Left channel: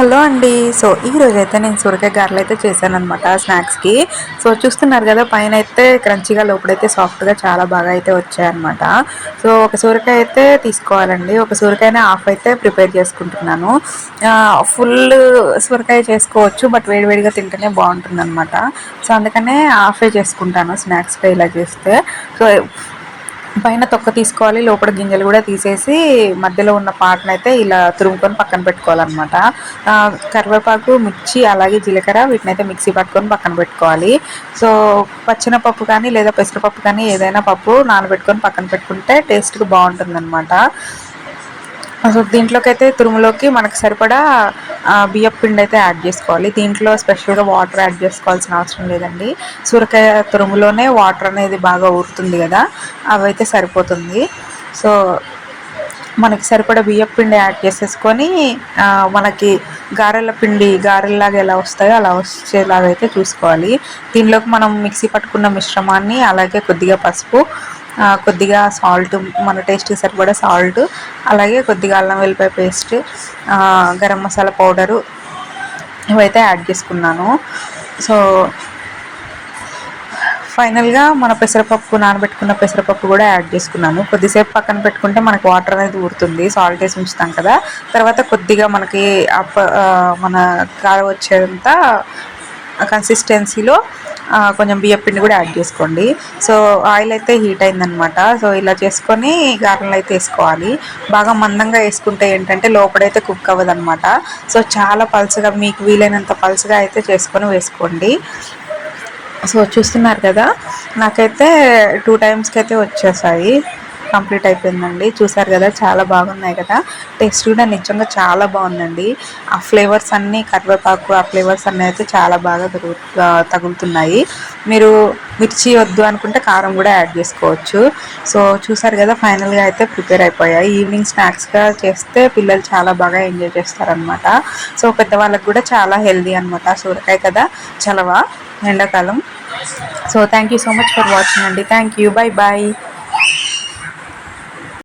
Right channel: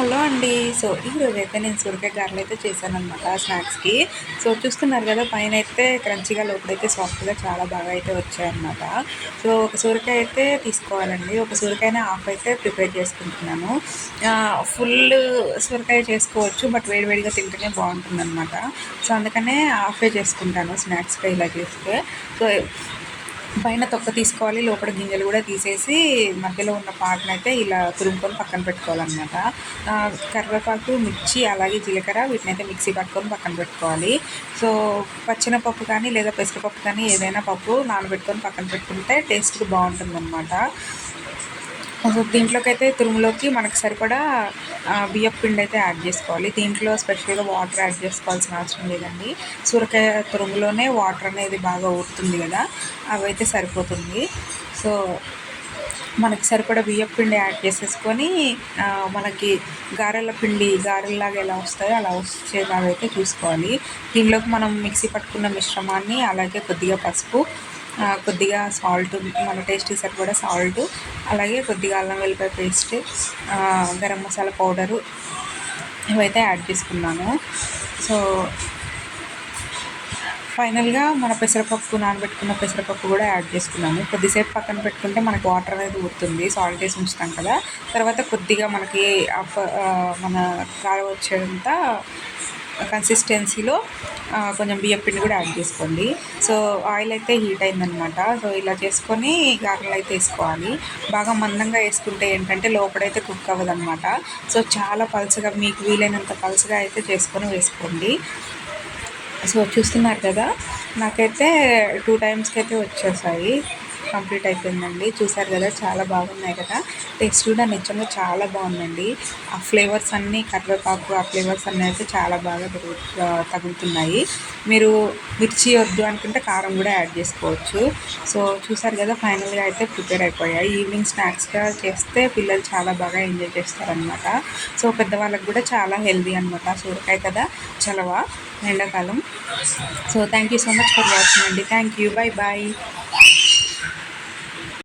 Hello అండి. So ఈ అయితే నేను సొరకాయ గారెలు అయితే చేశాను అనమాట స్నాక్స్కి. సో చూస్తున్నారు కదా పైన అయితే క్రంచిగా లోపలైతే సాఫ్ట్గా చాలా బాగా అయితే వచ్చాయన్నమాట. సో ఒక సొరకాయ అయితే తీసుకోవాలండి. ఒక సొరకాయనే హాఫ్ అయితే ప్రిపేర్ చేసుకుంటున్నాను. ఫుల్ సొరకాయ చేసుకోవచ్చు బట్ వేడివేడిగా తింటేనే బాగుంటుంది అనమాట సో అందుకనే హాఫే చేసుకుంటాను స్నాక్స్గా ఇలా చేస్తే. సో పైన తొక్క తీసుకోవాలి లోపల గింజలు కూడా తీసేసి మధ్యలో ఉన్న పాటను అయితే ఇలా తురుముకొని పక్కన పెట్టుకోవాలన్నమాట. కరివేపాకు మిర్చి అలాగే జీలకర్ర వీటిని అయితే మిక్సీ పట్టుకొని పక్కన పెట్టుకోవాలి. సో పచ్చిన పప్పు కానీ లేదా పెసరపప్పు కానీ ఏదైనా పప్పు నానబెట్టుకొని పక్కన పెట్టుకుంటే టేస్ట్కి బాగుంటుంది అనమాట సో దీంట్లోకి అయితే తురుములోకి మనకు సరిపడా బియ్యం పిండి అయితే యాడ్ చేసుకోవాలి. దీంట్లో స్పెషల్గా వాటర్ యాడ్ చేసుకోవాల్సిన అవసరం లేదండి. సూరకాయ తురుములోనే వాటర్ అనేది బాగా ఊరుతుంది కదా అవైతే సరిపోతుంది. సో మనకి సరిపడా బియ్యం పిండి యాడ్ చేసేసుకొని మనకి గారెల పిండి గారెల్లాగా ఎలా వస్తాయో అలా వచ్చేలాగా అయితే చూసుకోవాలి. దీనిలోకి మనం మిక్సీ పట్టుకున్న మిశ్రమాన్ని అలాగే కొద్దిగా పసుపు కొద్దిగా సాల్ట్ మన టేస్ట్కి సరిపడే సాల్ట్ అలాగే కొద్దిగా అల్లం వెల్లిపాయ పేస్ట్ గరం మసాలా పౌడరు ఇవైతే యాడ్ చేసుకున్నాను. సో ఫైనల్గా మన పెసరపప్పు నానబెట్టుకున్న పెసరపప్పు కూడా యాడ్ చేసుకున్నాను. కొద్దిసేపు పక్కన పెట్టుకుంటే మనకు వాటర్ అనేది ఊరుతుంది సాల్ట్ వేసి ఉంచుతాం కదా. తర్వాత కొద్దిగా మనకి అప్ప మన కారం వచ్చేంత కన్సిస్టెన్సీలో కొంచెం బియ్యం పిండి కూడా యాడ్ చేసుకోండి. సో ఆయిల్ అయితే హీట్ అయిందనమాట. సో ఇలా చేసుకొని గారెలు అయితే వేసుకోవాలి. బాగా మందంగా వేసుకుంటే ఏంటంటే లోపడైతే కుక్ అవ్వదు అనమాట సో చాలా పల్చగా మీకు వీలైనంత పల్చగా అయితే చేసుకొని వేసుకోండి. సో చూస్తున్నారు కదా? నాకైతే టూ టైమ్స్కి అయితే వచ్చేసాయి. కంప్లీట్ అయిపోయిందండి. చూసారు కదా చాలా బాగున్నాయి కదా. టేస్ట్ కూడా నిజంగా చాలా బాగుందండి. ఆ ఫ్లేవర్స్ అన్నీ కరివేపాకు ఆ ఫ్లేవర్స్ అన్నీ అయితే చాలా బాగా తగులుతున్నాయి. మీరు మిర్చి వద్దు అనుకుంటే కారం కూడా యాడ్ చేసుకోవచ్చు. సో చూసారు కదా ఫైనల్గా అయితే ప్రిపేర్ అయిపోయాయి. ఈవినింగ్ స్నాక్స్గా చేస్తే పిల్లలు చాలా బాగా ఎంజాయ్ చేస్తారనమాట సో పెద్దవాళ్ళకి కూడా చాలా హెల్దీ అనమాట సూరకాయ కదా చలవా ఎండాకాలం. So thank you so much for watching అండి. Thank you. Bye bye